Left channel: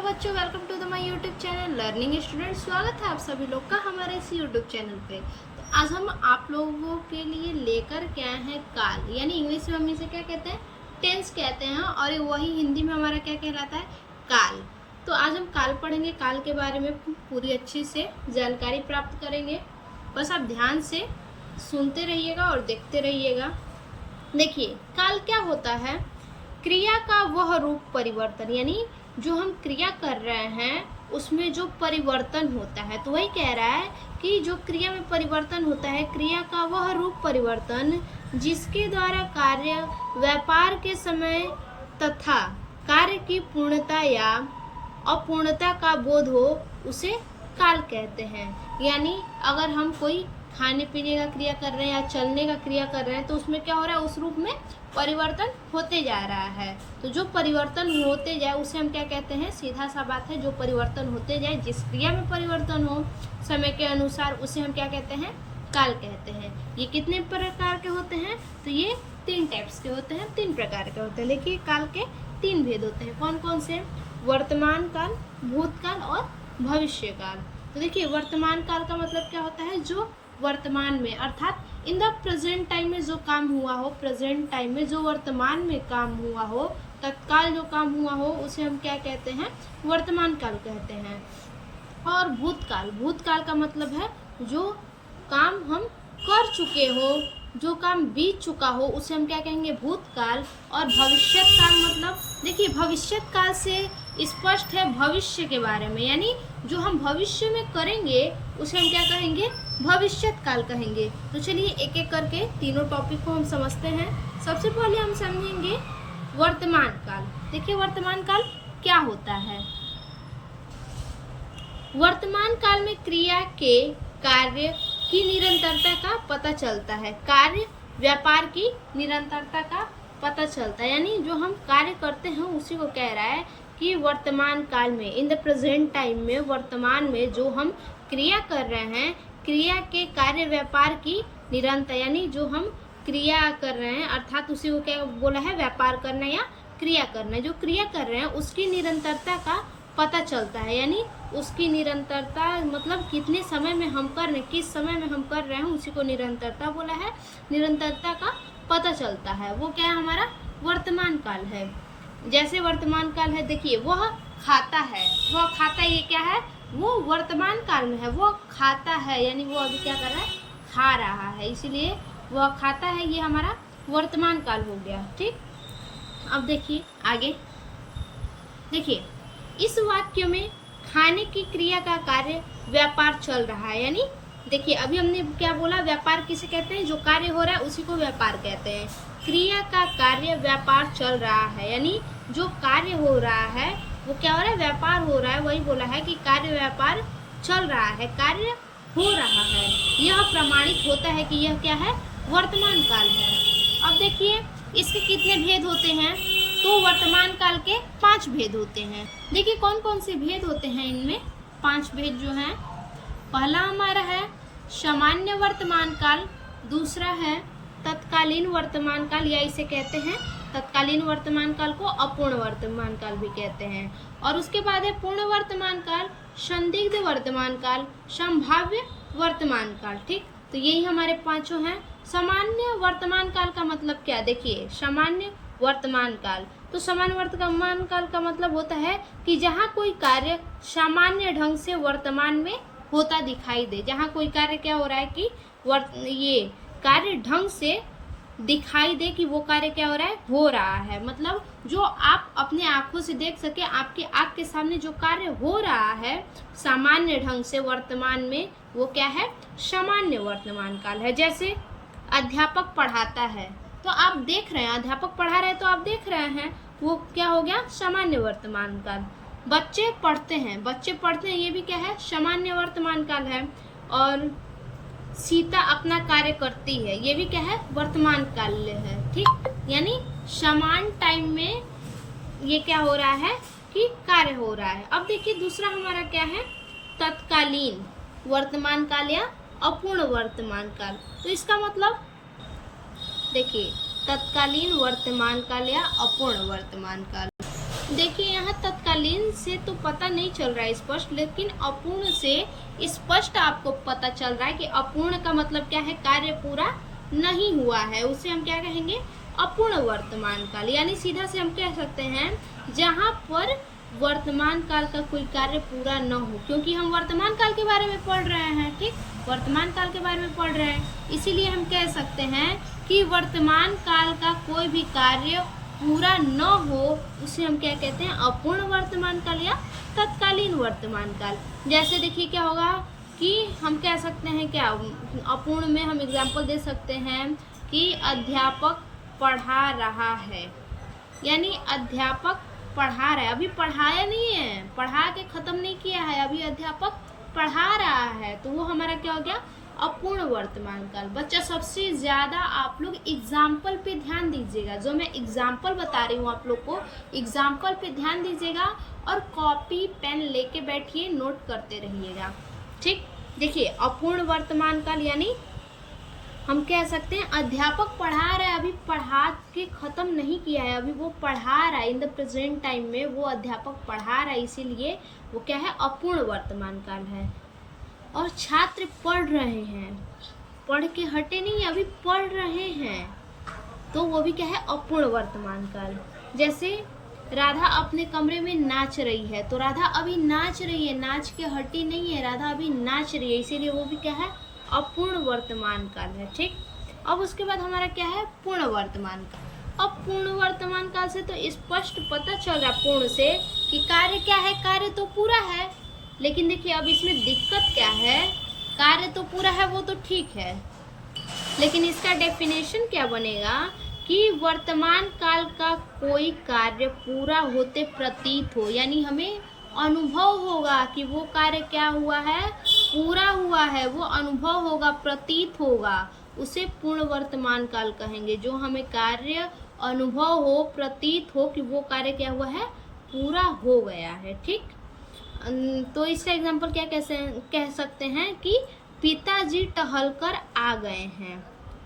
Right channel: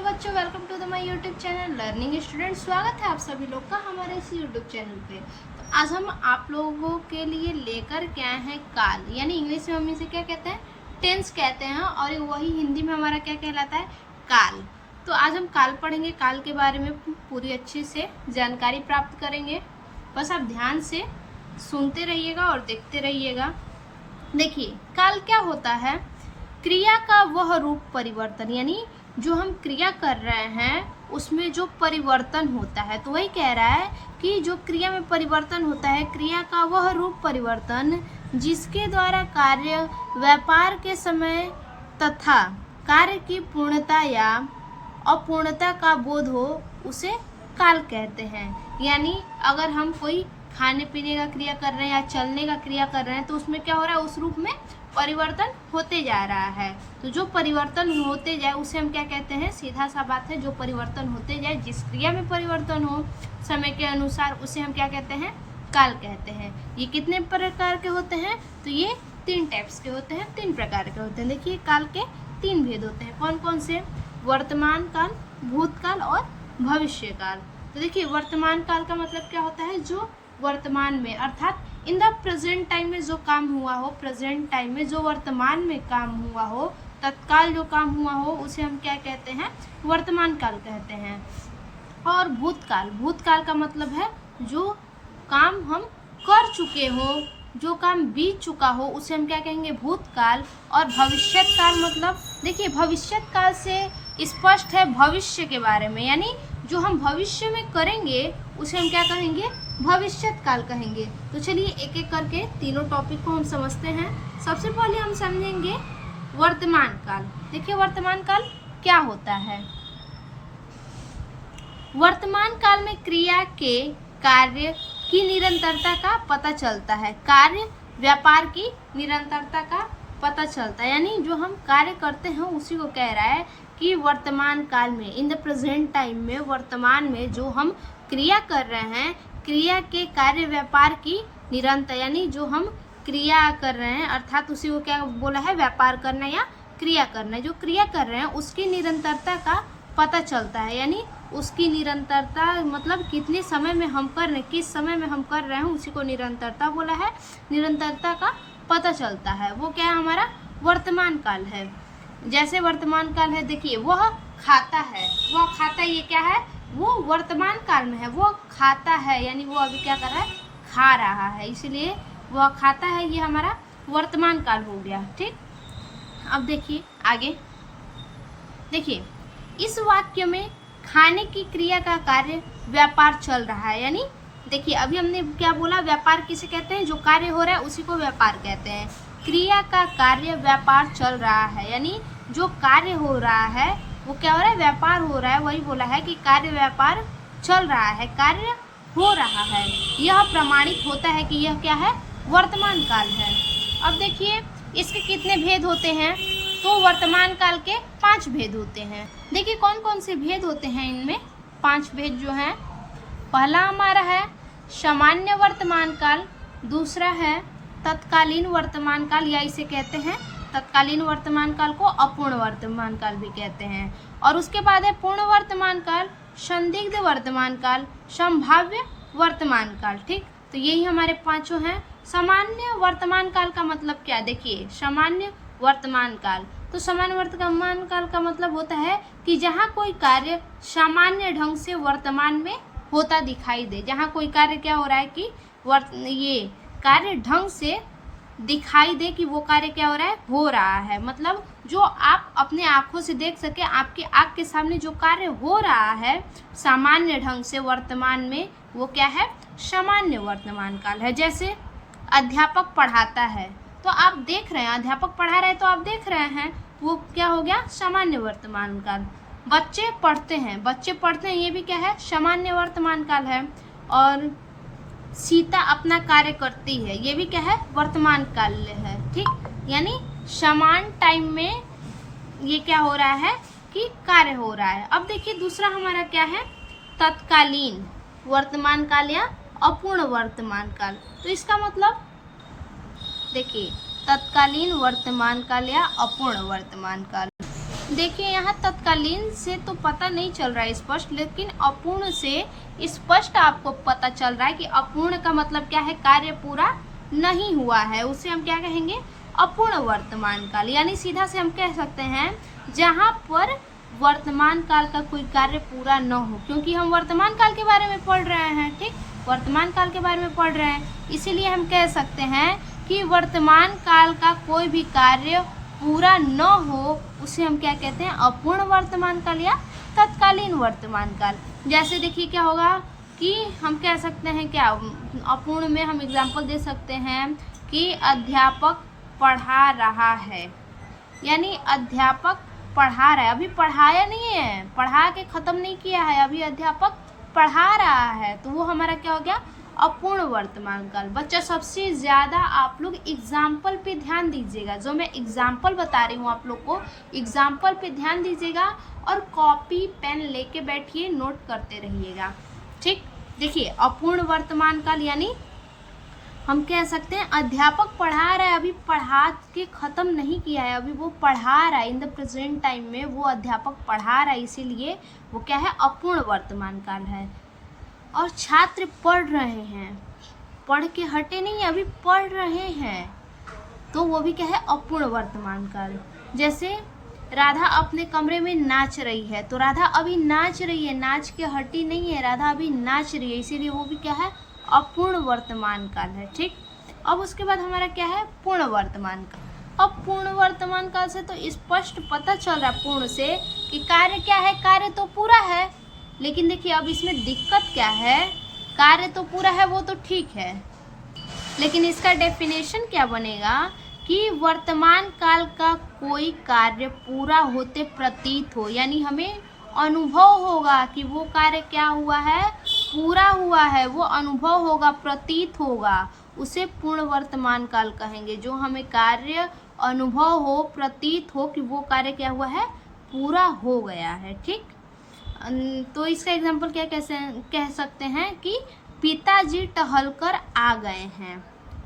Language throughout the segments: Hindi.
हेलो बच्चों, welcome to the my YouTube channel learning student. स्वागत है आप सभी लोग का हमारे इस यूट्यूब चैनल पे। तो आज हम आप लोगों के लिए लेकर के आए हैं काल, यानी इंग्लिश में हम इसे क्या कहते हैं, टेंस कहते हैं, और वही हिंदी में हमारा क्या कहलाता है, काल। तो आज हम काल पढ़ेंगे, काल के बारे में पूरी अच्छे से जानकारी प्राप्त करेंगे। बस आप ध्यान से सुनते रहिएगा और देखते रहिएगा। देखिए, काल क्या होता है, क्रिया का वह रूप परिवर्तन, यानी जो हम क्रिया कर रहे हैं उसमें जो परिवर्तन होता है। तो वही कह रहा है कि जो क्रिया में परिवर्तन होता है, क्रिया का वह रूप परिवर्तन जिसके द्वारा कार्य व्यापार के समय तथा कार्य की पूर्णता या अपूर्णता का बोध हो, उसे काल कहते हैं। यानी अगर हम कोई खाने पीने का क्रिया कर रहे हैं या चलने का क्रिया कर रहे हैं तो उसमें क्या हो रहा है, उस रूप में परिवर्तन होते जा रहा है। तो जो परिवर्तन होते जाए उसे हम क्या कहते हैं, सीधा सा बात है, जो परिवर्तन होते जाए, जिस क्रिया में परिवर्तन हो समय के अनुसार, उसे हम क्या कहते हैं, काल कहते हैं। ये कितने प्रकार के होते हैं, तो ये 3 टाइप्स के होते हैं, 3 प्रकार के होते हैं। देखिए, काल के 3 भेद होते हैं। कौन कौन से, वर्तमान काल, भूतकाल और भविष्य काल। तो देखिए, वर्तमान काल का मतलब क्या होता है, जो वर्तमान में अर्थात इन द प्रेजेंट टाइम में जो काम हुआ हो, प्रेजेंट टाइम में जो वर्तमान में काम हुआ हो, तत्काल जो काम हुआ हो, उसे हम क्या कहते हैं, वर्तमान काल कहते हैं। और भूतकाल, भूतकाल का मतलब है जो काम हम कर चुके हो, जो काम बीत चुका हो, उसे हम क्या कहेंगे, भूतकाल। और भविष्यत काल मतलब, देखिए, भविष्यत काल से स्पष्ट है भविष्य के बारे में, यानी जो हम भविष्य में करेंगे उसे हम क्या कहेंगे, भविष्यत काल कहेंगे। तो चलिए एक एक करके तीनों टॉपिक को हम समझते हैं। सबसे पहले हम समझेंगे वर्तमान काल। देखिए, वर्तमान काल क्या होता है। वर्तमान काल में क्रिया के कार्य की निरंतरता का पता चलता है, कार्य व्यापार की निरंतरता का पता चलता है। यानी जो हम कार्य करते हैं उसी को कह रहा है कि वर्तमान काल में, इन द प्रेजेंट टाइम में, वर्तमान में जो हम क्रिया कर रहे हैं, क्रिया के कार्य व्यापार की निरंतर, यानी जो हम क्रिया कर रहे हैं अर्थात उसी को क्या बोला है, व्यापार करना या क्रिया करना। जो क्रिया कर रहे हैं उसकी निरंतरता का पता चलता है, यानी उसकी निरंतरता मतलब कितने समय में हम कर रहे हैं, किस समय में हम कर रहे हैं, उसी को निरंतरता बोला है। निरंतरता का पता चलता है, वो क्या है, हमारा वर्तमान काल है। जैसे वर्तमान काल है, देखिए, वह खाता है, वह खाता, ये क्या है, वो वर्तमान काल में है, वो खाता है, यानी वो अभी क्या कर रहा है, खा रहा है, इसीलिए वह खाता है, ये हमारा वर्तमान काल हो गया। ठीक, अब देखिए आगे। देखिए, इस वाक्य में खाने की क्रिया का कार्य व्यापार चल रहा है, यानी देखिए अभी हमने क्या बोला, व्यापार किसे कहते हैं, जो कार्य हो रहा है उसी को व्यापार कहते हैं। क्रिया का कार्य व्यापार चल रहा है, यानी जो कार्य हो रहा है वो क्या हो रहा है, व्यापार हो रहा है। वही बोला है कि कार्य व्यापार चल रहा है, कार्य हो रहा है। यह प्रमाणित होता है कि यह क्या है, वर्तमान काल है। अब देखिए इसके कितने भेद होते हैं, तो वर्तमान काल के 5 भेद होते हैं। देखिए कौन कौन से भेद होते हैं इनमें, 5 भेद जो हैं। पहला हमारा है सामान्य वर्तमान काल, दूसरा है तत्कालीन वर्तमान काल, या इसे कहते हैं तत्कालीन वर्तमान काल को अपूर्ण वर्तमान काल भी कहते हैं। और उसके बाद है पूर्ण वर्तमान काल, संदिग्ध वर्तमान काल, संभाव्य वर्तमान काल। ठीक, तो यही हमारे 5 हैं। सामान्य वर्तमान काल का मतलब क्या, देखिए, सामान्य वर्तमान काल, तो सामान्य वर्तमान काल का मतलब होता है कि जहाँ कोई कार्य सामान्य ढंग से वर्तमान में होता दिखाई दे, जहाँ कोई कार्य क्या हो रहा है कि ये कार्य ढंग से दिखाई दे कि वो कार्य क्या हो रहा है, मतलब जो आप अपने आँखों से देख सके, आपके आँख के सामने जो कार्य हो रहा है सामान्य ढंग से वर्तमान में, वो क्या है, सामान्य वर्तमान काल है। जैसे अध्यापक पढ़ाता है, तो आप देख रहे हैं, अध्यापक पढ़ा रहे हैं तो आप देख रहे हैं, वो क्या हो गया, सामान्य वर्तमान काल। बच्चे पढ़ते हैं, बच्चे पढ़ते हैं, ये भी क्या है, सामान्य वर्तमान काल है। और सीता अपना कार्य करती है, ये भी क्या है, वर्तमान काल है। ठीक, यानी समान टाइम में ये क्या हो रहा है कि कार्य हो रहा है। अब देखिए दूसरा हमारा क्या है, तत्कालीन वर्तमान काल या अपूर्ण वर्तमान काल। तो इसका मतलब देखिए, तत्कालीन वर्तमान काल या अपूर्ण वर्तमान काल। देखिए यहाँ तत्कालीन से तो पता नहीं चल रहा है स्पष्ट, लेकिन अपूर्ण से स्पष्ट आपको पता चल रहा है कि अपूर्ण का मतलब क्या है, कार्य पूरा नहीं हुआ है, उसे हम क्या कहेंगे, अपूर्ण वर्तमान काल। यानी सीधा से हम कह सकते हैं जहाँ पर वर्तमान काल का कोई कार्य पूरा न हो, क्योंकि हम वर्तमान काल के बारे में पढ़ रहे हैं, ठीक, वर्तमान काल के बारे में पढ़ रहे हैं, इसीलिए हम कह सकते हैं कि वर्तमान काल का कोई भी कार्य पूरा न हो उसे हम क्या कहते हैं, अपूर्ण वर्तमान काल या तत्कालीन वर्तमान काल। जैसे देखिए क्या होगा कि हम कह सकते हैं क्या, अपूर्ण में हम एग्जाम्पल दे सकते हैं कि अध्यापक पढ़ा रहा है, यानी अध्यापक पढ़ा रहा है, अभी पढ़ाया नहीं है, पढ़ा के ख़त्म नहीं किया है, अभी अध्यापक पढ़ा रहा है, तो वो हमारा क्या हो गया, अपूर्ण वर्तमान काल। बच्चा सबसे ज़्यादा आप लोग एग्जाम्पल पे ध्यान दीजिएगा, जो मैं एग्जाम्पल बता रही हूँ आप लोग को, एग्जाम्पल पे ध्यान दीजिएगा और कॉपी पेन लेके बैठिए, नोट करते रहिएगा, ठीक। देखिए अपूर्ण वर्तमान काल यानी हम कह सकते हैं अध्यापक पढ़ा रहा है, अभी पढ़ा के ख़त्म नहीं किया है, अभी वो पढ़ा रहा है, इन द प्रेजेंट टाइम में वो अध्यापक पढ़ा रहा है, इसीलिए वो क्या है, अपूर्ण वर्तमान काल है। और छात्र पढ़ रहे हैं, पढ़ के हटे नहीं, अभी पढ़ रहे हैं, तो वो भी क्या है, अपूर्ण वर्तमान काल। जैसे राधा अपने कमरे में नाच रही है, तो राधा अभी नाच रही है, नाच के हटी नहीं है, राधा अभी नाच रही है, इसीलिए वो भी क्या है, अपूर्ण वर्तमान काल है, ठीक। अब उसके बाद हमारा क्या है, पूर्ण वर्तमान काल। अब पूर्ण वर्तमान काल से तो स्पष्ट पता चल रहा है पूर्ण से कि कार्य क्या है, कार्य तो पूरा है, लेकिन देखिए अब इसमें दिक्कत क्या है, कार्य तो पूरा है वो तो ठीक है, लेकिन इसका डेफिनेशन क्या बनेगा कि वर्तमान काल का कोई कार्य पूरा होते प्रतीत हो, यानी हमें अनुभव होगा कि वो कार्य क्या हुआ है, पूरा हुआ है, वो अनुभव होगा, प्रतीत होगा, उसे पूर्ण वर्तमान काल कहेंगे। जो हमें कार्य अनुभव हो, प्रतीत हो कि वो कार्य क्या हुआ है, पूरा हो गया है, ठीक। तो इसका एग्जाम्पल क्या कह सकते हैं कि पिताजी टहलकर आ गए हैं,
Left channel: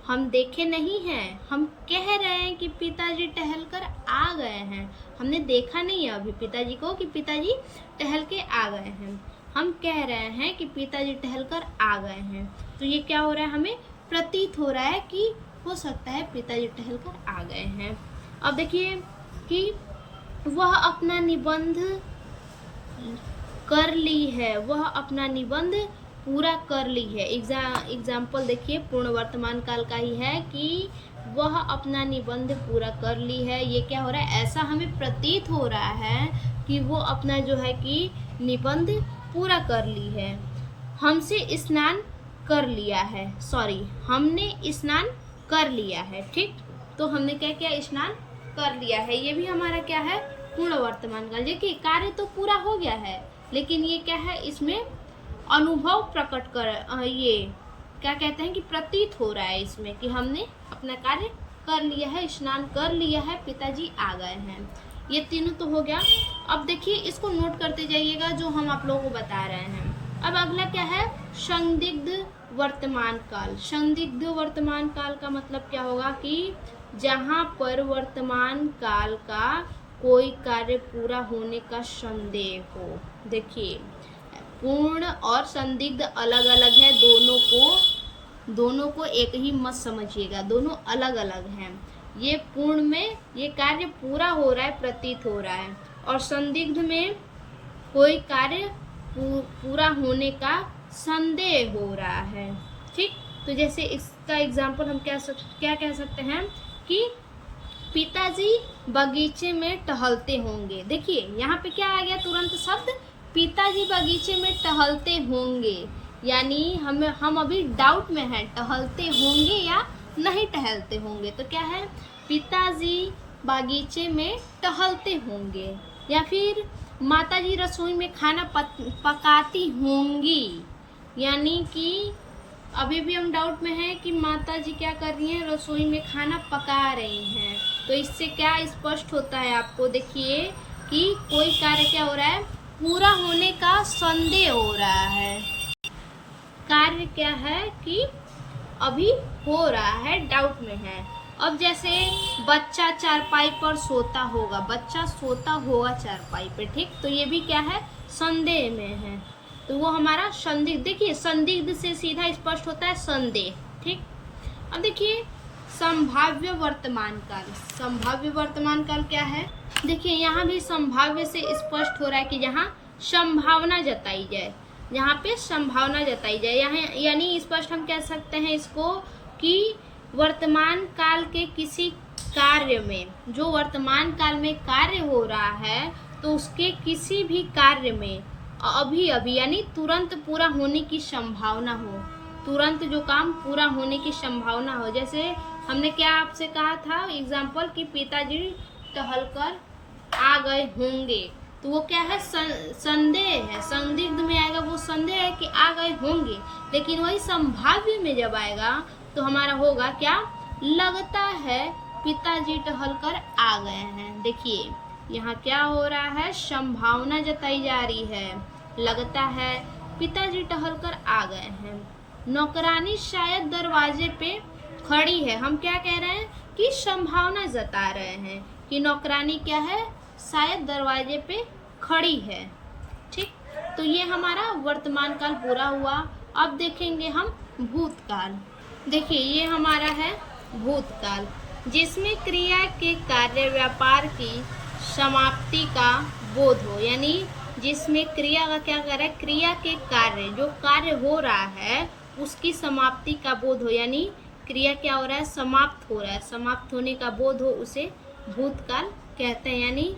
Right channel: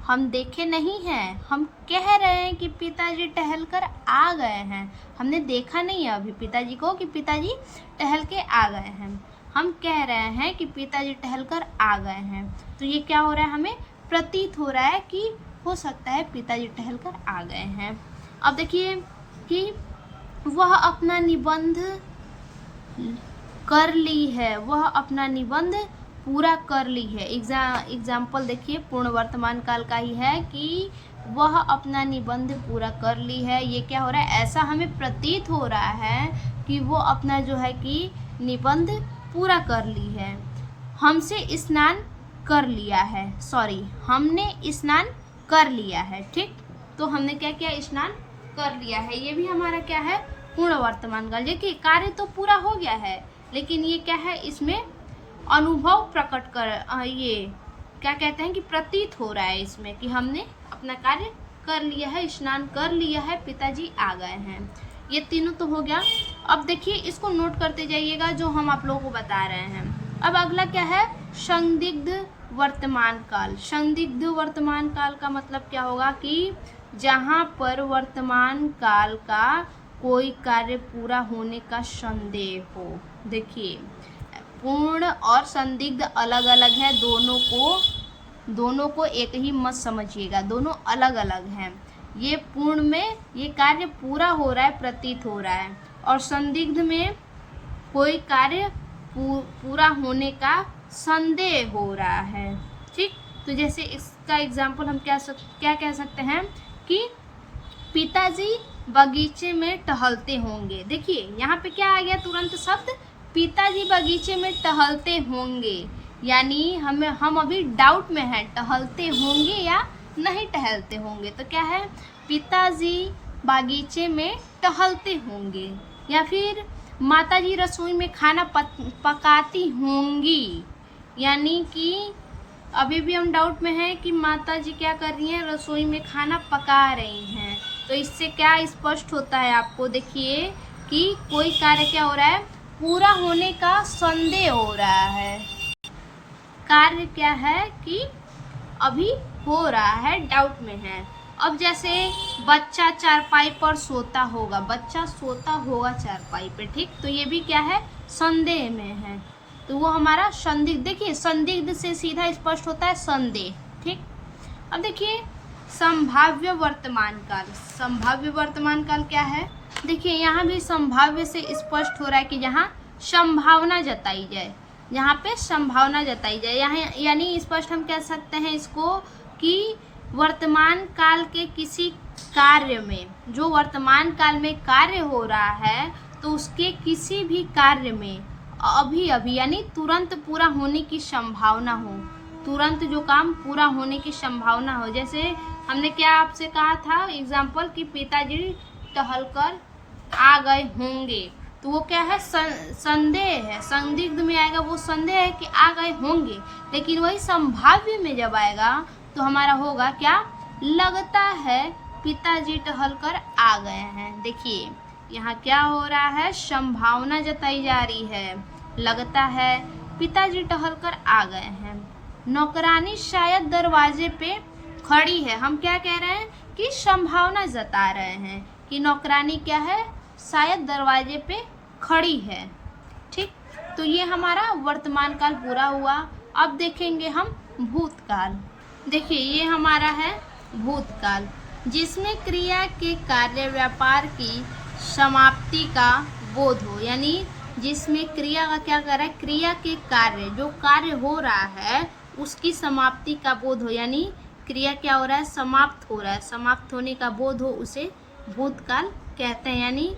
हम देखे नहीं हैं, हम कह रहे हैं कि पिताजी टहलकर आ गए हैं, हमने देखा नहीं है अभी पिताजी को कि पिताजी टहल के आ गए हैं, हम कह रहे हैं कि पिताजी टहलकर आ गए हैं, तो ये क्या हो रहा है, हमें प्रतीत हो रहा है कि हो सकता है पिताजी टहलकर आ गए हैं। अब देखिए कि वह अपना निबंध कर ली है, वह अपना निबंध पूरा कर ली है। एग्जाम्पल देखिए पूर्ण वर्तमान काल का ही है कि वह अपना निबंध पूरा कर ली है, ये क्या हो रहा है, ऐसा हमें प्रतीत हो रहा है कि वो अपना जो है कि निबंध पूरा कर ली है। हमसे स्नान कर लिया है, सॉरी हमने स्नान कर लिया है, ठीक, तो हमने क्या किया, स्नान कर लिया है, ये भी हमारा क्या है, पूर्ण वर्तमान काल। देखिए कार्य तो पूरा हो गया है, लेकिन ये क्या है, इसमें अनुभव प्रकट कर, ये क्या कहते हैं कि प्रतीत हो रहा है इसमें कि हमने अपना कार्य कर लिया है, स्नान कर लिया है, पिताजी आ गए हैं, ये तीनों तो हो गया। अब देखिए इसको नोट करते जाइएगा जो हम आप लोगों को बता रहे हैं। अब अगला क्या है, संदिग्ध वर्तमान काल। संदिग्ध वर्तमान काल का मतलब क्या होगा कि जहाँ पर वर्तमान काल का कोई कार्य पूरा होने का संदेह हो। देखिए पूर्ण और संदिग्ध अलग अलग है, दोनों को एक ही मत समझिएगा, दोनों अलग अलग हैं। ये पूर्ण में ये कार्य पूरा हो रहा है, प्रतीत हो रहा है, और संदिग्ध में कोई कार्य पूरा होने का संदेह हो रहा है, ठीक। तो जैसे इसका एग्जाम्पल हम क्या कह सकते हैं कि पिताजी बगीचे में टहलते होंगे। देखिए यहाँ पे क्या आ गया तुरंत शब्द, पिताजी बगीचे में टहलते होंगे, यानी हम अभी डाउट में हैं, टहलते होंगे या नहीं टहलते होंगे, तो क्या है, पिताजी बागीचे में टहलते होंगे। या फिर माताजी रसोई में खाना पकाती होंगी, यानी कि अभी भी हम डाउट में हैं कि माताजी क्या कर रही हैं, रसोई में खाना पका रही हैं। तो इससे क्या स्पष्ट होता है आपको, देखिए कि कोई कार्य क्या हो रहा है, पूरा होने का संदेह हो रहा है, कार्य क्या है कि अभी हो रहा है, डाउट में है। अब जैसे बच्चा चारपाई पर सोता होगा, बच्चा सोता होगा चारपाई पे, ठीक, तो ये भी क्या है, संदेह में है, तो वो हमारा संदिग्ध। देखिए संदिग्ध से सीधा स्पष्ट होता है संदेह, ठीक। अब देखिए संभाव्य वर्तमान काल, संभाव्य वर्तमान काल क्या है, देखिए यहाँ भी संभाव्य से स्पष्ट हो रहा है कि यहाँ संभावना जताई जाए, यहाँ पे संभावना जताई जाए, यहाँ यानी स्पष्ट हम कह सकते हैं इसको कि वर्तमान काल के किसी कार्य में, जो वर्तमान काल में कार्य हो रहा है, तो उसके किसी भी कार्य में अभी अभी यानी तुरंत पूरा होने की संभावना हो, तुरंत जो काम पूरा होने की संभावना हो। जैसे हमने क्या आपसे कहा था एग्जाम्पल कि पिताजी टहलकर आ गए होंगे, तो वो क्या है, संदेह है, संदिग्ध में आएगा, वो संदेह है कि आ गए होंगे, लेकिन वही संभाव्य में जब आएगा तो हमारा होगा क्या, लगता है पिताजी टहलकर आ गए हैं। देखिए यहाँ क्या हो रहा है, संभावना जताई जा रही है, लगता है पिताजी टहलकर आ गए हैं। नौकरानी शायद दरवाजे पे खड़ी है, हम क्या कह रहे हैं कि संभावना जता रहे हैं कि नौकरानी क्या है, शायद दरवाजे पे खड़ी है, ठीक। तो ये हमारा वर्तमान काल पूरा हुआ। अब देखेंगे हम भूतकाल। देखिए ये हमारा है भूतकाल, जिसमें क्रिया के कार्य व्यापार की समाप्ति का बोध हो, यानी जिसमें क्रिया का क्या कर रहा है, क्रिया के कार्य, जो कार्य हो रहा है उसकी समाप्ति का बोध हो, यानी क्रिया क्या हो रहा है, समाप्त हो रहा है, समाप्त होने का बोध हो, उसे भूतकाल कहते हैं, यानी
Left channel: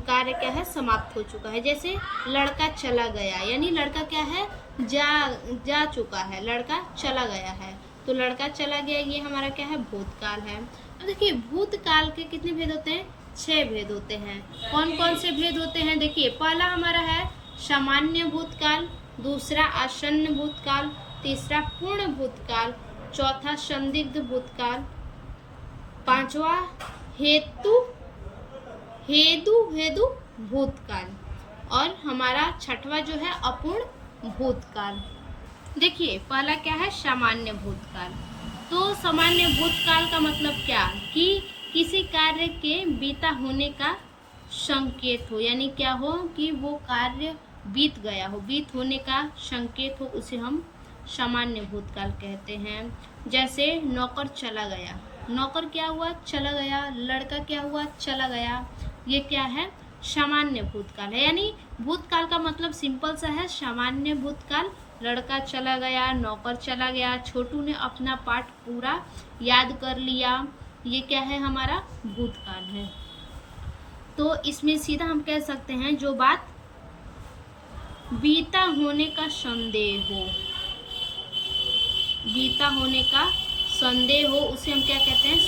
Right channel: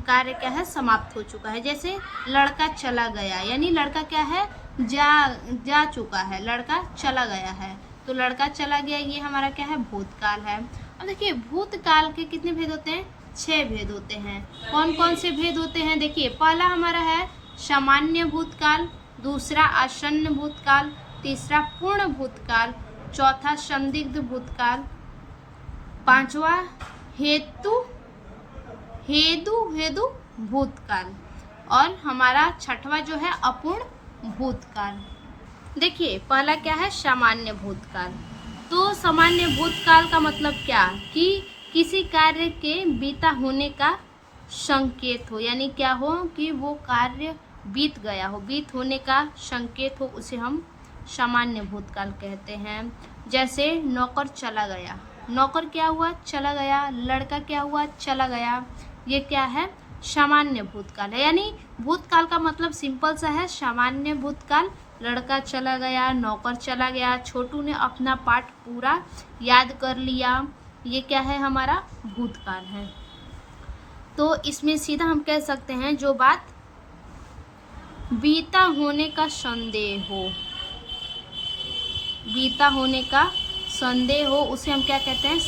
कार्य क्या है, समाप्त हो चुका है। जैसे लड़का चला गया, यानी लड़का क्या है, जा चुका है, लड़का चला गया है, तो लड़का चला गया, ये हमारा क्या है, भूतकाल है। अब देखिए भूतकाल के कितने भेद होते हैं, 6 भेद होते हैं। कौन कौन से भेद होते हैं, देखिए पहला हमारा है सामान्य भूतकाल, दूसरा आसन्न भूतकाल, तीसरा पूर्ण भूतकाल, चौथा संदिग्ध भूतकाल, पांचवा हेतु भूतकाल, और हमारा छठवा जो है अपूर्ण भूतकाल। देखिए पहला क्या है, सामान्य भूतकाल। तो सामान्य भूतकाल का मतलब क्या, कि किसी कार्य के बीता होने का संकेत हो, यानी क्या हो कि वो कार्य बीत गया हो, बीत होने का संकेत हो, उसे हम सामान्य भूतकाल कहते हैं। जैसे नौकर चला गया, नौकर क्या हुआ, चला गया, लड़का क्या हुआ, चला गया, ये क्या है, सामान्य भूतकाल है। यानी भूतकाल का मतलब सिंपल सा है, सामान्य भूतकाल, लड़का चला गया, नौकर चला गया, छोटू ने अपना पाठ पूरा याद कर लिया, ये क्या है, हमारा भूतकाल है। तो इसमें सीधा हम कह सकते हैं जो बात बीता होने का संदेह हो, बीता होने का संदेह हो, उसे हम क्या कहते हैं,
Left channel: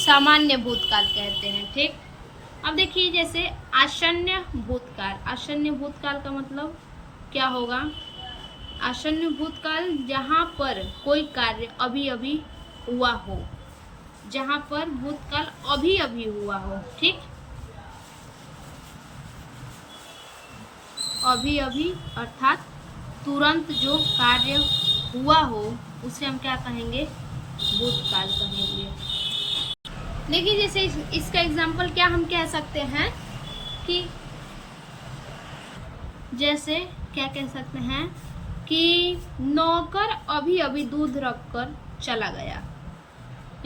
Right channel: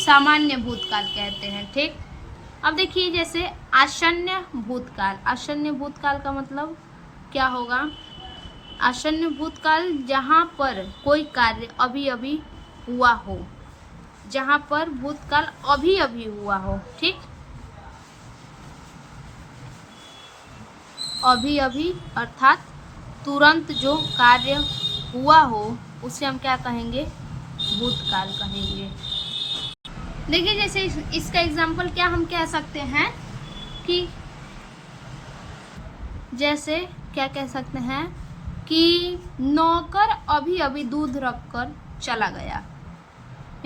सामान्य भूतकाल कहते हैं, ठीक। अब देखिए जैसे आसन्न भूतकाल, आसन्न भूतकाल का मतलब क्या होगा, आसन्न भूतकाल जहाँ पर कोई कार्य अभी अभी हुआ हो, जहाँ पर भूतकाल अभी अभी हुआ हो, ठीक, अभी अभी अर्थात तुरंत जो कार्य हुआ हो उसे हम क्या कहेंगे, भूतकाल कहेंगे। देखिए जैसे इसका एग्जाम्पल क्या हम कह सकते हैं कि जैसे क्या कह सकते हैं कि नौकर अभी अभी दूध रखकर चला गया,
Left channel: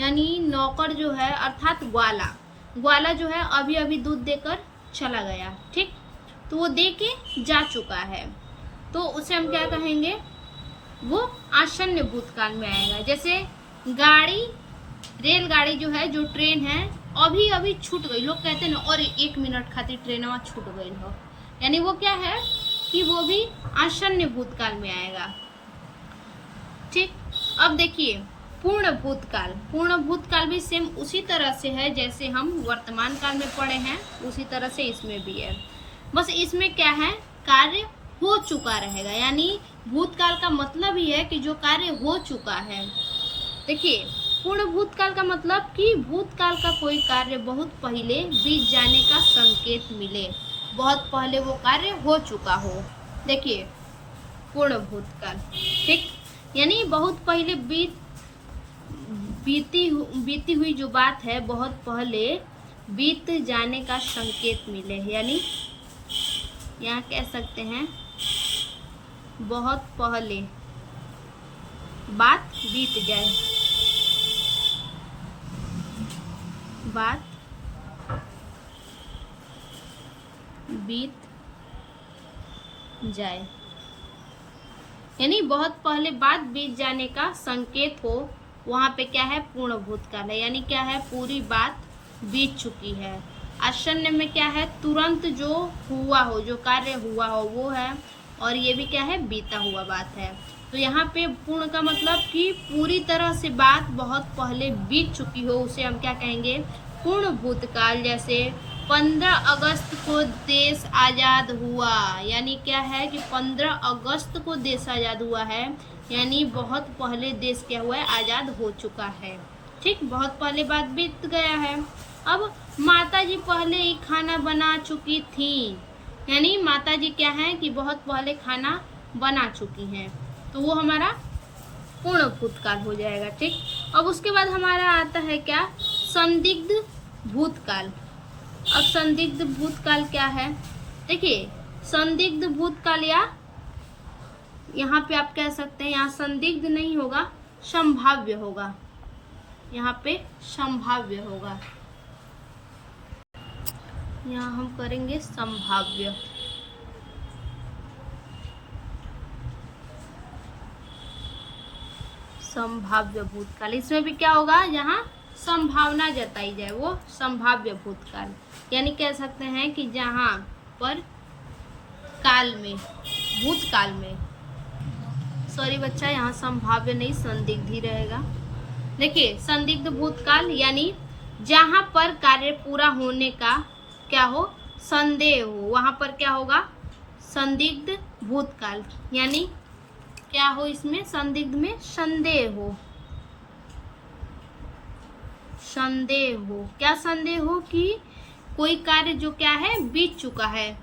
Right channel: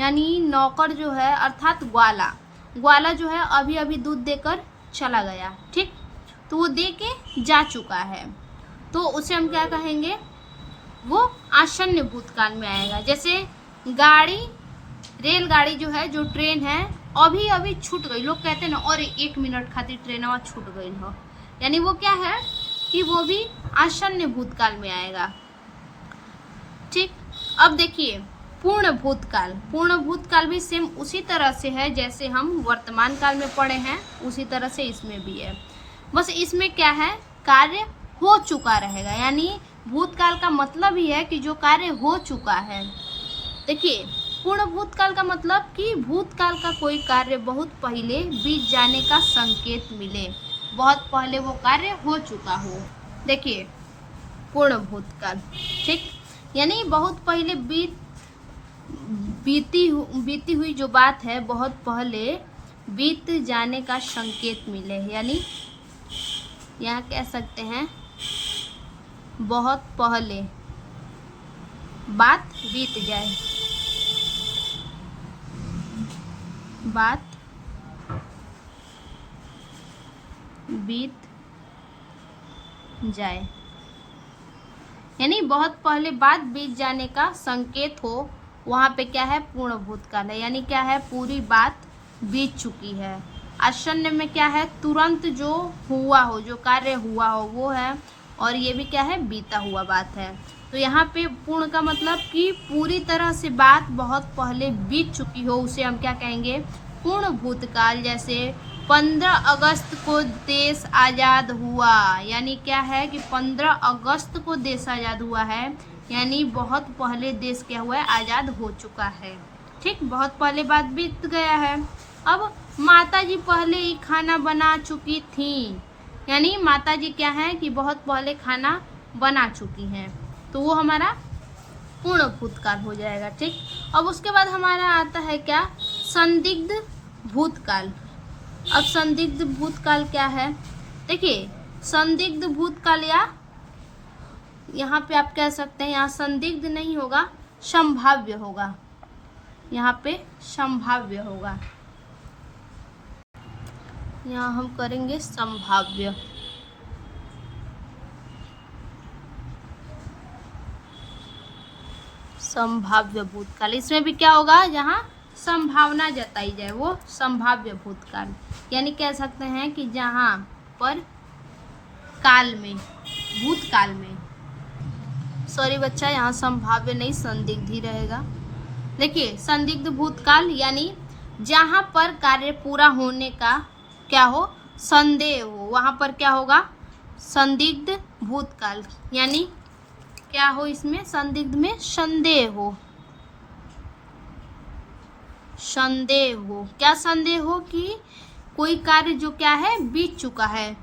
यानी नौकर जो है अर्थात ग्वाला जो है अभी अभी दूध देकर चला गया, ठीक, तो वो दे के जा चुका है, तो उसे हम क्या कहेंगे, वो आसन्न भूतकाल में आएगा। जैसे रेलगाड़ी जो है, जो ट्रेन है अभी अभी छूट गई, लोग कहते हैं ना और 1 मिनट खातिर ट्रेन छूट गई हो, यानी वो क्या है कि वो भी आसन्न भूतकाल में आएगा, ठीक। अब देखिए पूर्ण भूतकाल भी सेम उसी तरह से है जैसे हम वर्तमान काल में पढ़े हैं, उसी तरह से इसमें भी है, बस इसमें क्या है, कार्य हो चुका रहेगा, यानी भूतकाल का मतलब ही है कि जो कार्य हो चुका है। देखिए पूर्ण भूतकाल का मतलब कि भूतकाल का कोई कार्य बहुत पहले बीत जाने का संकेत मिले, बहुत पहले वो कार्य हो चुका हो। देखिए पूर्ण भूतकाल, ठीक, यानी बहुत पहले बीती हुई जो बात है बहुत पहले बीत जाने का संकेत मिले, यानी यहाँ कह सकते हैं बहुत पहले बात बीत जाए, बात बीत जाए, यानी बहुत पहले बात बीत जाने का संकेत हो, वहां पे क्या है पूर्ण भूतकाल है, यानी क्या है पूरी बात बीत चुकी है। आसन्न में क्या है तुरंत जो हुआ हो, जो कार्य हुआ हो वो है, और ये भी क्या है बीता हुआ बात है। तो यहाँ पे पूर्ण का मतलब कि पूरी तरह से बात बहुत पहले बीत चुकी हो, उसे हम क्या कहेंगे पूर्ण भूतकाल। जैसे 15 अगस्त को देश आज़ाद हुआ, यानी क्या है कि 15 अगस्त को देश आज़ाद हुआ है, यानी बहुत पहले देश क्या हुआ है आज़ाद हो चुका है। ठीक, बहुत पहले बात बीत गया है। अब माताजी पहले ही खाना बना चुकी थी, यानी माताजी क्या है कि बहुत पहले खाना बना चुकी हैं, तो वो हमारा पूर्ण भूतकाल हो जाएगा। ठीक, अब उसके बाद हमारा आता है क्या संदिग्ध भूतकाल। अब संदिग्ध भूतकाल क्या है, देखिए संदिग्ध भूतकाल, या यहाँ पे आप कह सकते हैं यहाँ संदिग्ध नहीं होगा संभाव्य होगा, यहाँ पे संभाव्य होगा, यहाँ हम करेंगे संभाव्य। संभाव्य भूतकाल, इसमें भी क्या होगा जहाँ संभावना जताई जाए वो संभाव्य भूतकाल, यानी कह सकते हैं कि जहाँ पर काल में भूतकाल में, सॉरी बच्चा यहाँ संभाव्य नहीं संदिग्ध ही रहेगा। देखिए संदिग्ध भूतकाल यानी जहाँ पर कार्य पूरा होने का क्या हो संदेह हो, वहाँ पर क्या होगा संदिग्ध भूतकाल, यानी क्या हो इसमें संदिग्ध में संदेह हो, संदेह हो, क्या संदेह हो कि कोई कार्य जो क्या है बीत चुका है,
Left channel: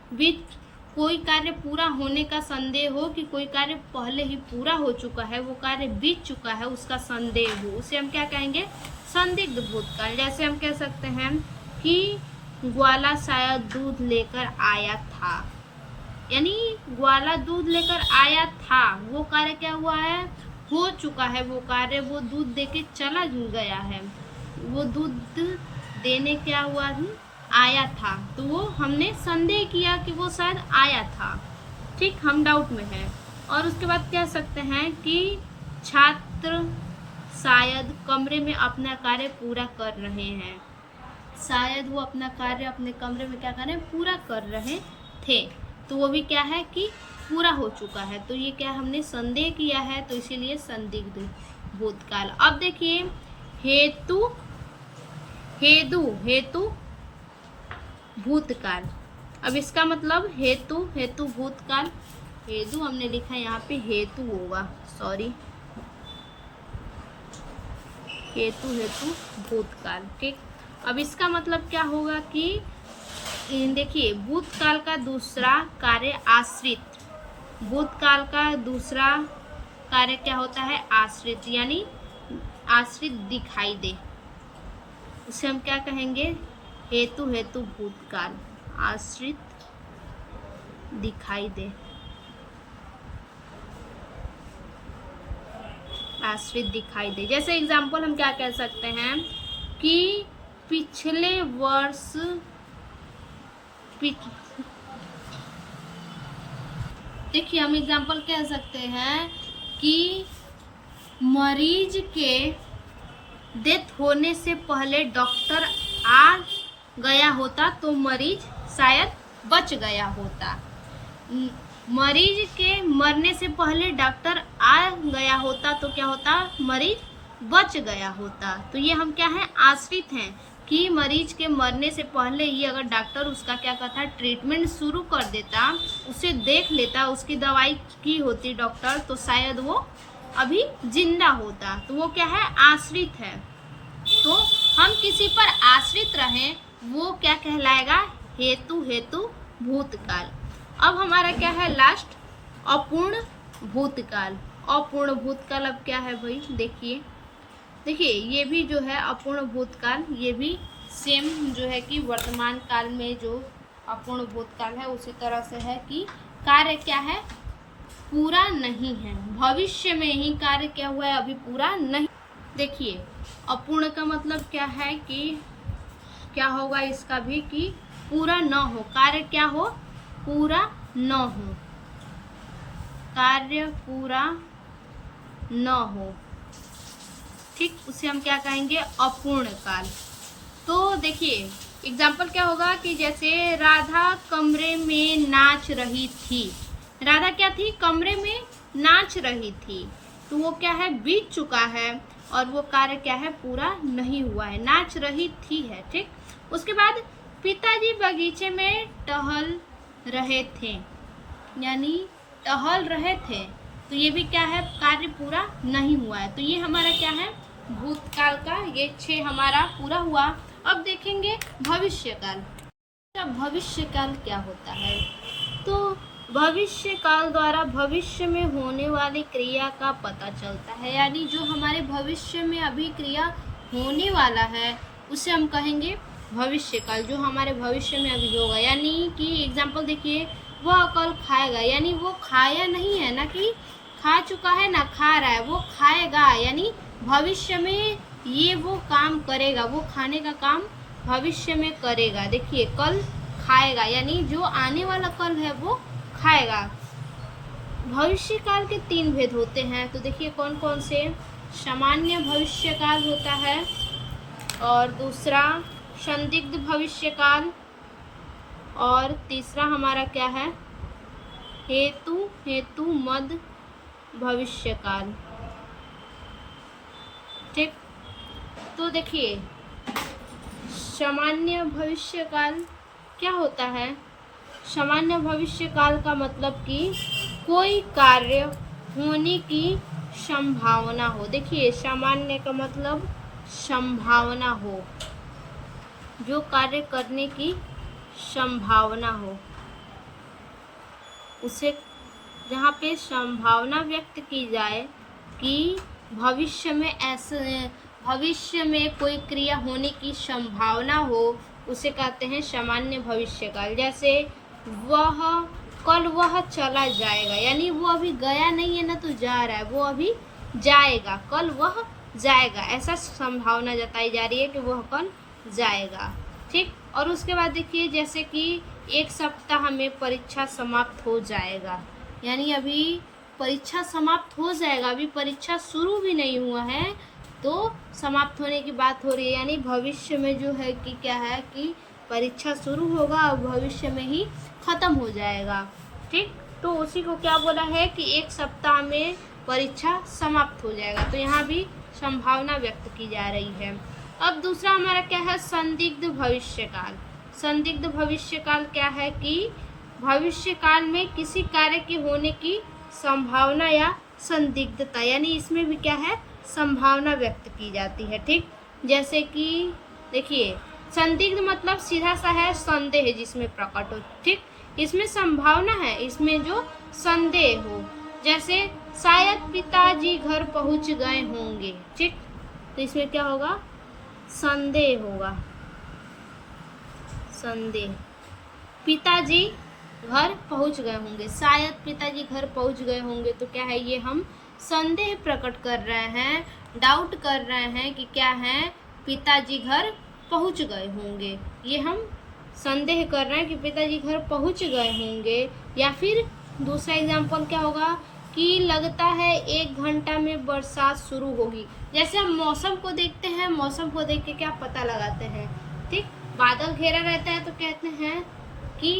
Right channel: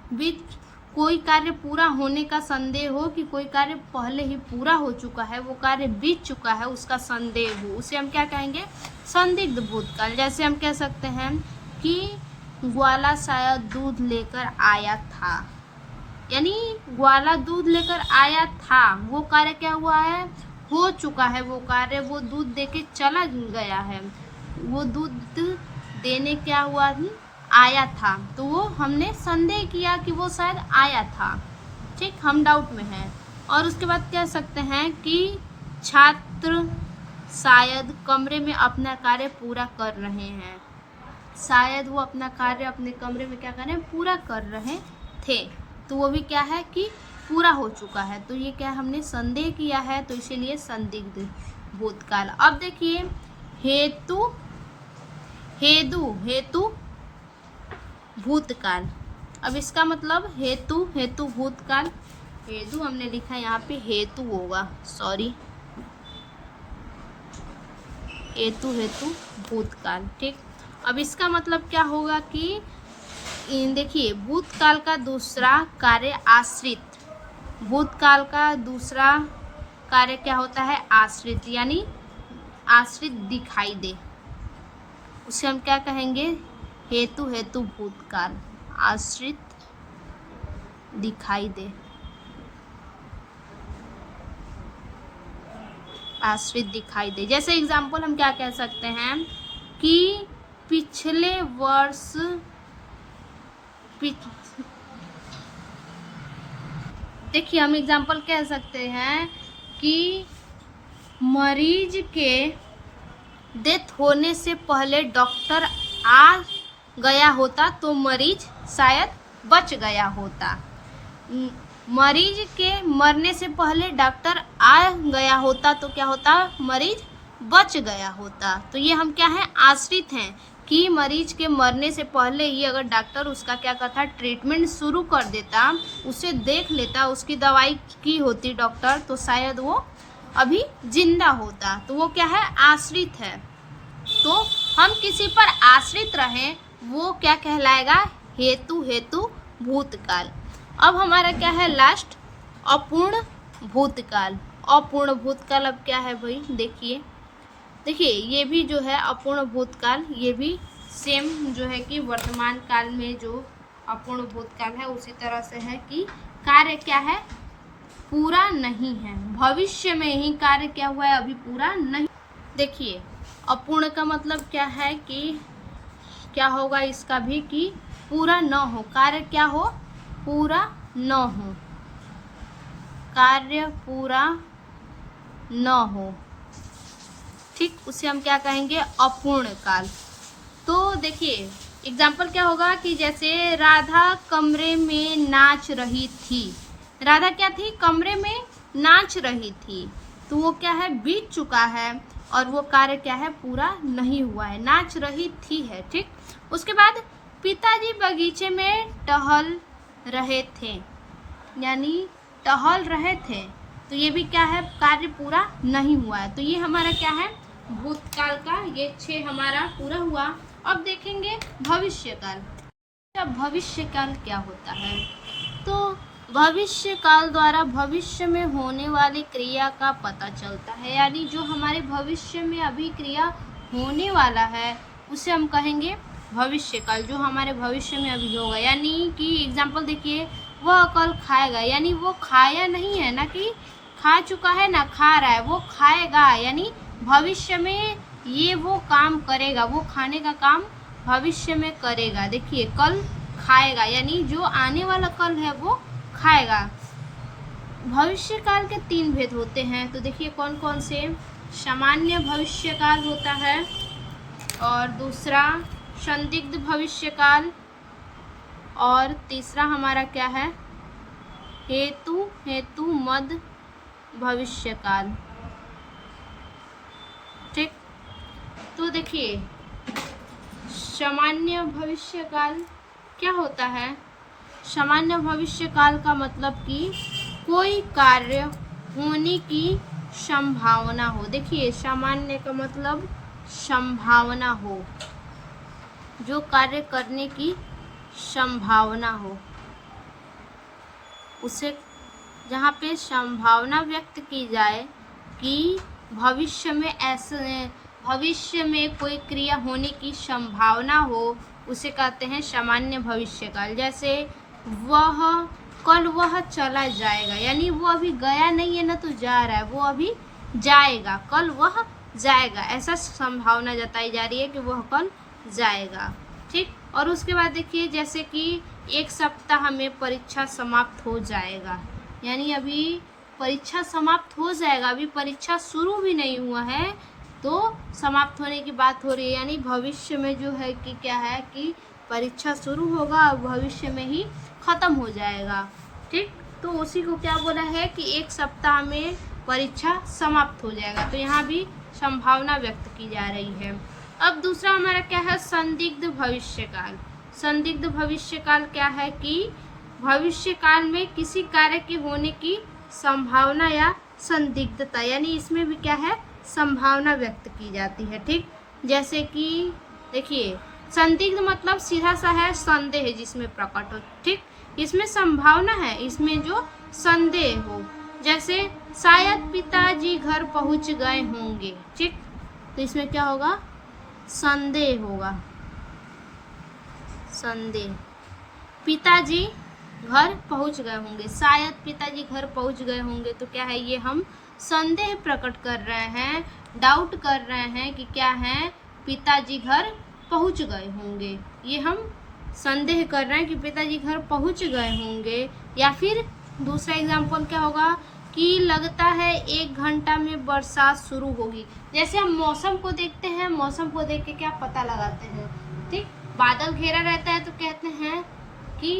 कोई कार्य पूरा होने का संदेह हो कि कोई कार्य पहले ही पूरा हो चुका है, वो कार्य बीत चुका है उसका संदेह हो, उसे हम क्या कहेंगे संदिग्ध भूतकाल। जैसे हम कह सकते हैं कि ग्वाला शायद दूध लेकर आया था, यानी ग्वाला दूध लेकर आया था, वो कार्य क्या हुआ है हो चुका है, वो कार्य वो दूध देके चला गया है, वो दूध देने क्या हुआ आया था, तो वो हमने संदेह किया कि वो शायद आया था। ठीक, हम डाउट में हैं। और उसके बाद कह सकते हैं कि छात्र शायद कमरे में अपना कार्य पूरा कर रहे हैं, शायद वो अपना कार्य अपने कमरे में क्या कर रहे हैं पूरा कर रहे थे, तो वो भी क्या है कि पूरा हो चुका है, तो ये क्या हमने संदेह किया है, तो इसीलिए संदिग्ध भूतकाल। अब देखिए हेतु भूतकाल, अब इसका मतलब हेतु भूतकाल, हेतु हमने लिखा है यहाँ पे हेतु होगा, सॉरी हेतु भूतकाल। ठीक, अब इसका मतलब क्या होगा कि देखिए भूतकाल का दूसरा कार्य आश्रित, भूतकाल का दूसरा कार्य क्या होता है आश्रित, यानी आश्रित दिखाई दे, उसे हम क्या कहेंगे हेतु भूतकाल, आश्रित दिखाई दे, आश्रित दिखाई दे। जैसे एग्जाम्पल हम क्या कह सकते हैं कि पिछले वर्ष देखिए हम एग्जाम्पल कह सकते हैं कि मरीज के डेथ होने से पहले डॉक्टर आ गया होता तो मरीज शायद बच गया होता, मरीज के मरने से पहले डॉक्टर आ गया होता तो क्या होता मरीज बच गया होता। तो ये हम क्या है आश्रित हैं कि मरीज के मरने से पहले ही अगर डॉक्टर उसका क्या करता ट्रीटमेंट शुरू कर देता, उसे देख लेता, उसकी दवाई की होती डॉक्टर, तो शायद वो अभी जिंदा होता, तो वो क्या है आश्रित है। तो हम किसी पर आश्रित रहें वो क्या कहलाएगा हेतु भूतकाल। अब हमारा क्या है लास्ट अपूर्ण भूतकाल। अपूर्ण भूतकाल अब क्या है भाई देखिए देखिए ये भी जो है अपूर्ण भूतकाल, ये भी सेम जो है कि वर्तमान काल में जो अपूर्ण भूतकाल है उसी तरह से है कि कार्य क्या है, पूरा नहीं है। भविष्य में ही कार्य क्या हुआ है, अभी पूरा नहीं। देखिए अपूर्ण का मतलब क्या है कि क्या होगा इसका भी कि पूरा न हो, कार्य क्या हो, पूरा न हो, कार्य पूरा न हो, ठीक, उसे हम क्या कहेंगे, अपूर्ण काल। तो देखिए एग्जाम्पल क्या होगा कि जैसे राधा कमरे में नाच रही थी, राधा क्या थी, कमरे में नाच रही थी, तो वो क्या है, बीत चुका है और वो कार्य क्या है, पूरा नहीं हुआ है, नाच रही थी है, ठीक। उसके बाद पिताजी बगीचे में टहल रहे थे, यानी टहल रहे थे, तो ये भी क्या है, कार्य पूरा नहीं हुआ है। तो ये हमारा क्या है, भूतकाल का ये 6 हमारा पूरा हुआ। अब देखेंगे भविष्यकाल। भविष्यकाल क्या होता है, तो भविष्य काल द्वारा भविष्य में होने वाली क्रिया का पता चलता है, यानी जो हमारे भविष्य में अभी क्रिया होने वाला है उसे हम कहेंगे भविष्य काल, जो हमारे भविष्य में अभी होगा। यानी कि एग्जाम्पल देखिए, वह कल खाएगा, यानी वो खाया नहीं है ना कि खा चुका है ना खा रहा है, वो खाएगा, यानी भविष्य में ये वो काम करेगा, वो खाने का काम भविष्य में करेगा। देखिए कल खाएगा, यानी जो आने वाला कल है वो खाएगा। भविष्य काल के 3 भेद होते हैं, तो देखिए कौन कौन से, सामान्य भविष्य काल होता है, और दूसरा संदिग्ध भविष्य काल, और तीसरा हमारा क्या है, हेतु मद भविष्य काल, ठीक। तो देखिए सामान्य भविष्य काल क्या होता है, सामान्य भविष्य काल का मतलब कि कोई कार्य होने की संभावना हो। देखिए सामान्य का मतलब संभावना हो, जो कार्य करने की संभावना हो, उसे जहाँ पे संभावना व्यक्त की जाए कि भविष्य में ऐसे, भविष्य में कोई क्रिया होने की संभावना हो, उसे कहते हैं सामान्य भविष्यकाल। जैसे वह चला जाएगा, यानी वो अभी गया नहीं है ना, तो जा रहा है, वो अभी जाएगा, कल वह जाएगा, ऐसा संभावना जताई जा रही है कि वह कल जाएगा, ठीक। और उसके बाद देखिए जैसे कि 1 सप्ताह में परीक्षा समाप्त हो जाएगा, यानी अभी परीक्षा समाप्त हो जाएगा, अभी परीक्षा शुरू भी नहीं हुआ है तो समाप्त होने की बात हो रही है, यानी भविष्य में जो है कि क्या है कि परीक्षा शुरू होगा और भविष्य में ही ख़त्म हो जाएगा, ठीक। तो उसी को क्या बोला है कि 1 सप्ताह में परीक्षा समाप्त हो जाएगा, तो यहाँ भी संभावना व्यक्त की जा रही है। अब दूसरा हमारा क्या है, संदिग्ध भविष्यकाल। संदिग्ध भविष्यकाल क्या है कि भविष्य काल में किसी कार्य के होने की संभावना या संदिग्धता, यानी इसमें भी क्या है, संभावना व्यक्त की जाती है, ठीक। जैसे कि देखिए संदिग्ध मतलब सीधा सा है, संदेह जिसमें प्रकट हो, ठीक, इसमें संभावना है, इसमें जो संदेह हो, जैसे शायद पिताजी घर पहुंच गए होंगे, ठीक, तो इसमें क्या होगा, संदेह होगा, संदेह, पिताजी घर पहुंच गए होंगे, शायद पिताजी घर पहुंच गए होंगे, तो क्या है, ये हम संदेह प्रकट कर रहे हैं, डाउट कर रहे हैं कि क्या है, पिताजी घर पहुंच गए होंगे, ये हम संदेह कर रहे हैं कि पिताजी घर पहुंच गए होंगे। या फिर दूसरा एग्जाम्पल क्या होगा कि लगता है 1 घंटा में बरसात शुरू होगी, जैसे हम मौसम को देखते हैं, मौसम को देख के क्या पता लगाते हैं, ठीक, बादल घेरा रहता है तो कहते हैं कि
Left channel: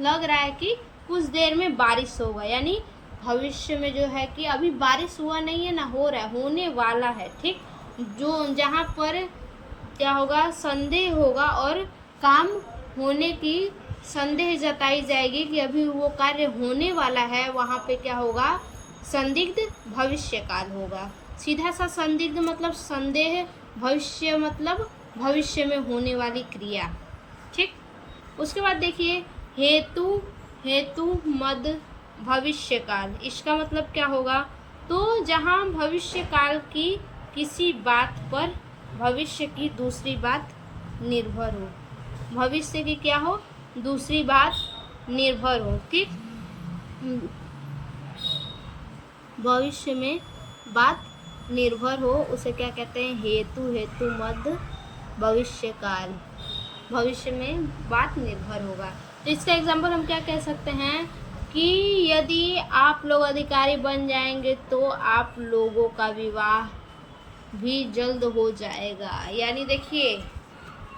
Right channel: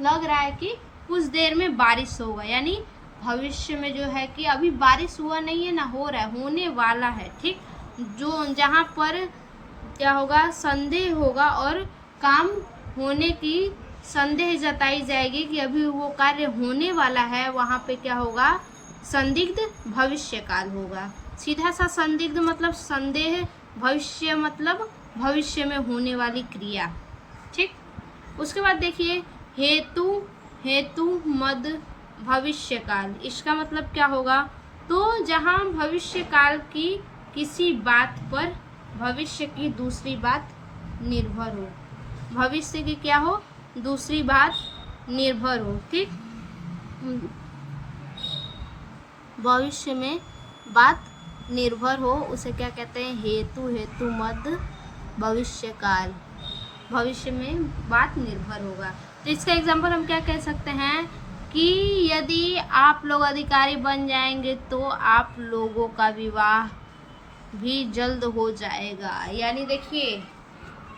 लग रहा है कि कुछ देर में बारिश होगा, यानी भविष्य में जो है कि अभी बारिश हुआ नहीं है ना, हो रहा है, होने वाला है, ठीक। जो जहाँ पर क्या होगा, संदेह होगा और काम होने की संदेह जताई जाएगी कि अभी वो कार्य होने वाला है, वहाँ पे क्या होगा, संदिग्ध भविष्यकाल होगा। सीधा सा संदिग्ध मतलब संदेह, भविष्य मतलब भविष्य में होने वाली क्रिया, ठीक। उसके बाद देखिए हेतु मद भविष्यकाल, इसका मतलब क्या होगा, तो जहाँ भविष्य काल की किसी बात पर भविष्य की दूसरी बात निर्भर हो। भविष्य की क्या हो? दूसरी बात निर्भर हो। ठीक, भविष्य में बात निर्भर हो उसे क्या कहते हैं? हेतु, हेतु मध्य भविष्य काल। भविष्य में बात निर्भर होगा। तो इसका एग्जाम्पल हम क्या कह सकते हैं कि यदि आप लोग अधिकारी बन जाएंगे तो आप लोगों का विवाह भी जल्द हो जाएगा। यानी देखिए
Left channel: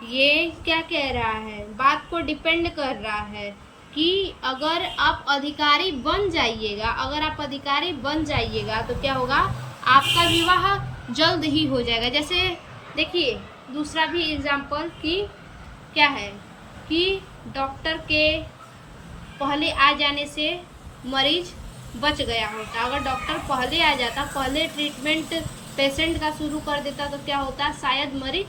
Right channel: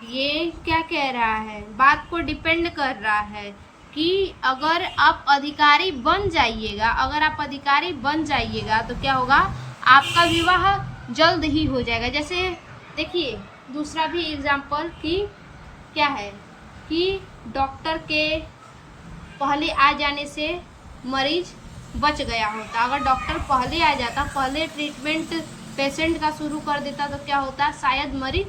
ये क्या कह रहा है, बात को डिपेंड कर रहा है कि अगर आप अधिकारी बन जाइएगा, अगर आप अधिकारी बन जाइएगा तो क्या होगा? आपका विवाह जल्द ही हो जाएगा। जैसे देखिए दूसरा भी एग्जाम्पल कि क्या है कि डॉक्टर के पहले आ जाने से मरीज बच गया होता। अगर डॉक्टर पहले आ जाता, पहले ट्रीटमेंट पेशेंट का शुरू कर देता तो क्या होता? शायद मरीज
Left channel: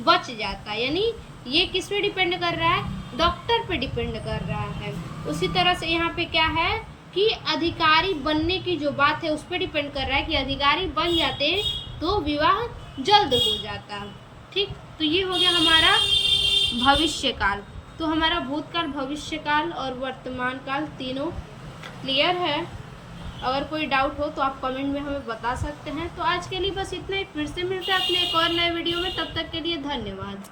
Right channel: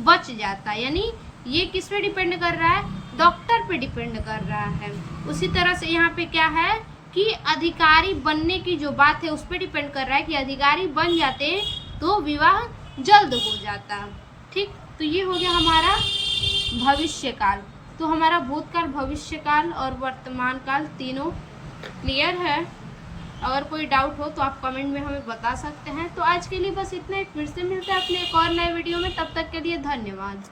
बच जाता। यानी ये किस पे डिपेंड कर रहा है? डॉक्टर पे डिपेंड कर रहा है। उसी तरह से यहाँ पे क्या है कि अधिकारी बनने की जो बात है उस पर डिपेंड कर रहा है कि अधिकारी बन जाते तो विवाह जल्द हो जाता। ठीक, तो ये हो गया हमारा भविष्य काल। तो हमारा भूतकाल, भविष्य काल और वर्तमान काल तीनों क्लियर है। अगर कोई डाउट हो तो आप कमेंट में हमें बता सकते हैं। तो आज के लिए बस इतना ही। फिर से मिलते हैं अपने एक और नए वीडियो में। तब तक के लिए धन्यवाद।